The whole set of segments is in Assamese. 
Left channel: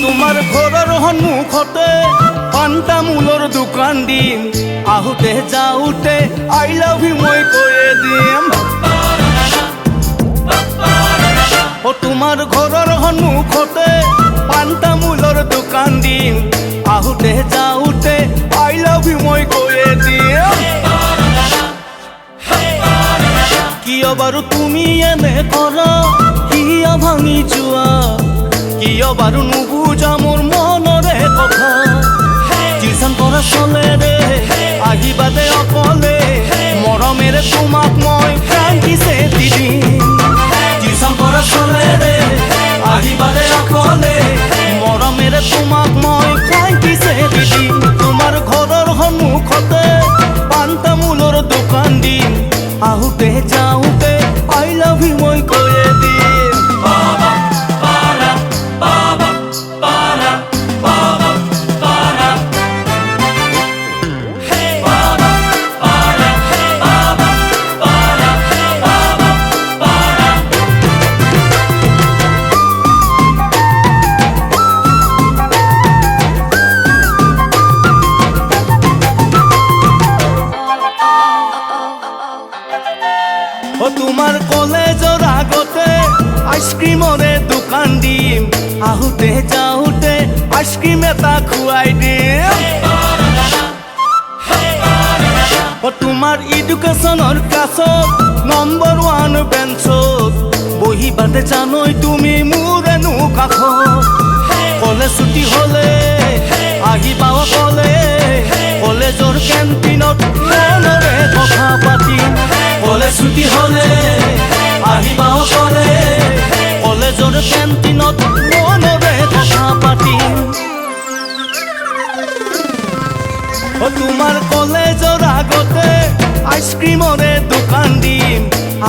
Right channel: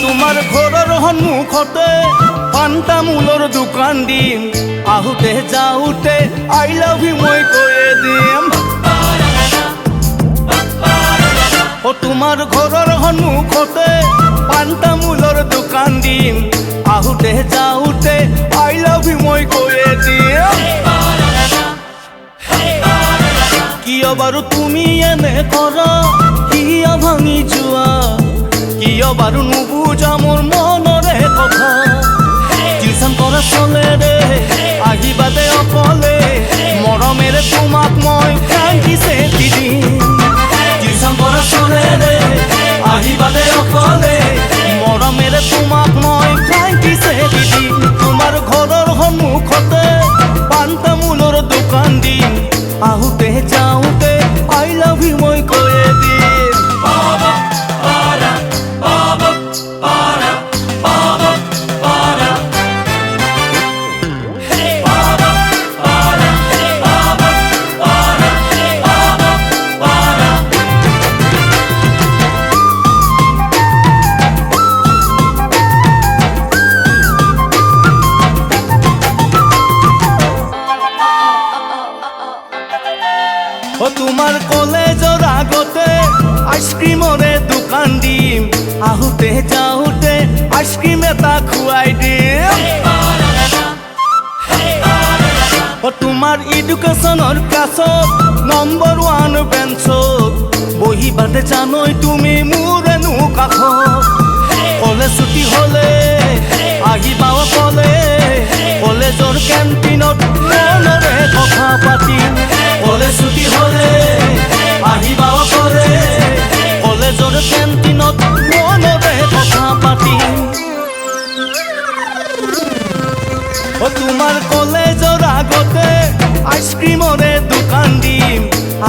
তোমাৰ ঘৰৰ সন্মুখতে পাণ তামোলৰ দোকান দিম, আহোঁতে যাওঁতে আই লাভ ইউ মই কৈয়ে দিম। তোমাৰ ঘৰৰ সন্মুখতে পাণ তামোলৰ দোকান দিম, আহোঁতে যাওঁতে আই লাভ ইউ মই কৈয়ে দিম। কিয় বাৰু তুমি এনে কৰা, কিয় ভাঙি যোৱা, কিয় বাৰু নুবুজা মোৰ মনৰে কথা। টিউচন কৰা চলে দে আহিবা দে অকলে, মৰমেৰে তোমাক মই ফ্ৰাংকিছে দি দিম। টিউচন কৰা চলে দে আহিবা দে অকলে, মৰমেৰে তোমাক মই ফ্ৰাংকিছে দি দিম। তোমাৰ ঘৰৰ সন্মুখতে পাণ তামোলৰ দোকান দিম, আহোঁতে যাওঁতে আই লাভ ইউ মই কৈয়ে দিম। তোমাৰ কলেজৰ আগতে আইচক্ৰীমৰে দোকান দিম, আহোঁতে যাওঁতে আইচক্ৰীম এটা খুৱাই দিম। তোমাৰ এডুকেশ্যনৰ ক্লাছত নম্বৰ 1 বেঞ্চত বহিবাতে জানৈ তুমি মোৰ এনো কাষত। কলেজ ছুটি হ'লে আহিবা অকলে, কলেজৰ কেণ্টিনত মনৰে কথা পাতিম। কলেজ ছুটি হ'লে আহিবা অকলে, কলেজৰ কেণ্টিনত মনৰে কথা পাতিম। তোমাৰ কলেজৰ আগতে আইচক্ৰীমৰে দোকান দিম,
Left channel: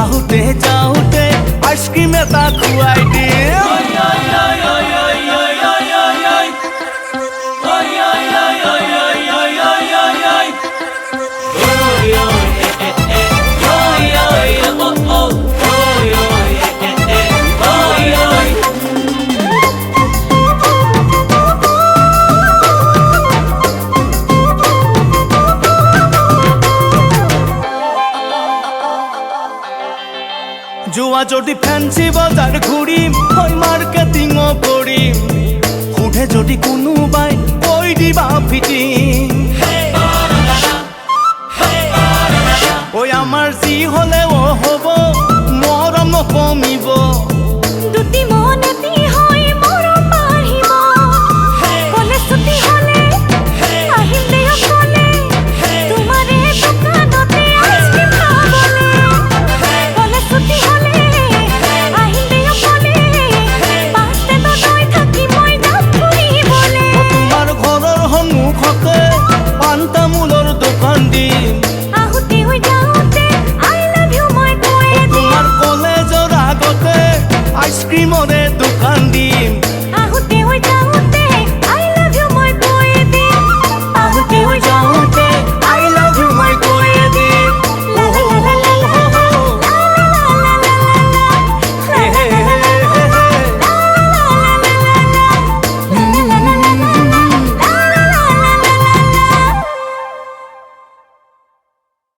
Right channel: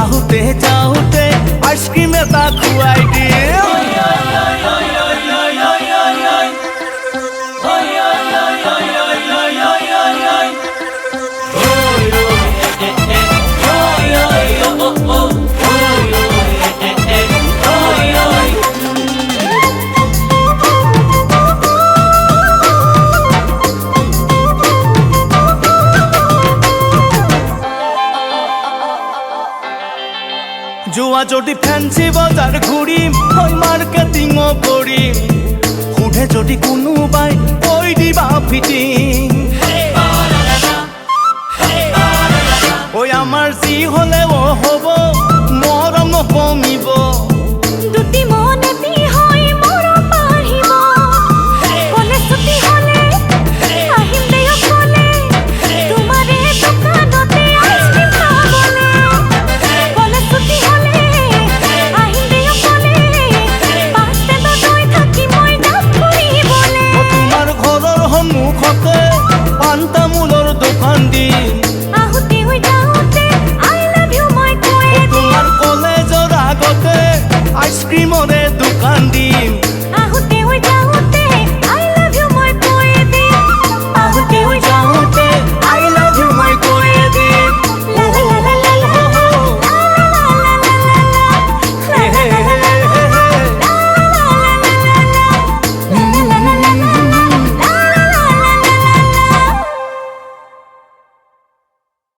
আহোঁতে যাওঁতে আইচক্ৰীম এটা খুৱাই দিম। যোৱা যদি ফেন্সি বজাৰ ঘূৰিম, হয় মাৰ্কেটিঙো কৰিম, সোধে যদি কোনোবাই কৈ দিবা ফিটিং। ঐ আমাৰ যি হ'লেও হ'ব, মৰম নকমিব, দুটি মন এটি হৈ মৰম বাঢ়িব। কলেজ ছুটি হ'লে আহিম দে অকলে, তোমাৰে দোকানতে আইচক্ৰীম খাবলে। কলেজ ছুটি হ'লে আহিম দে অকলে, বাছষ্টেণ্ডত ৰৈ থাকি মই যাম ফুৰিবলে। তোমাৰ ঘৰৰ সন্মুখতে পাণ তামোলৰ দোকান দিম, আহোঁতে হৈ যাওঁতে আই লাভ ইউ মই কৈয়ে দিম। তোমাৰ কলেজৰ আগতে আইচক্ৰীমৰে দোকান দিম, আহোঁতে হৈ যাওঁতে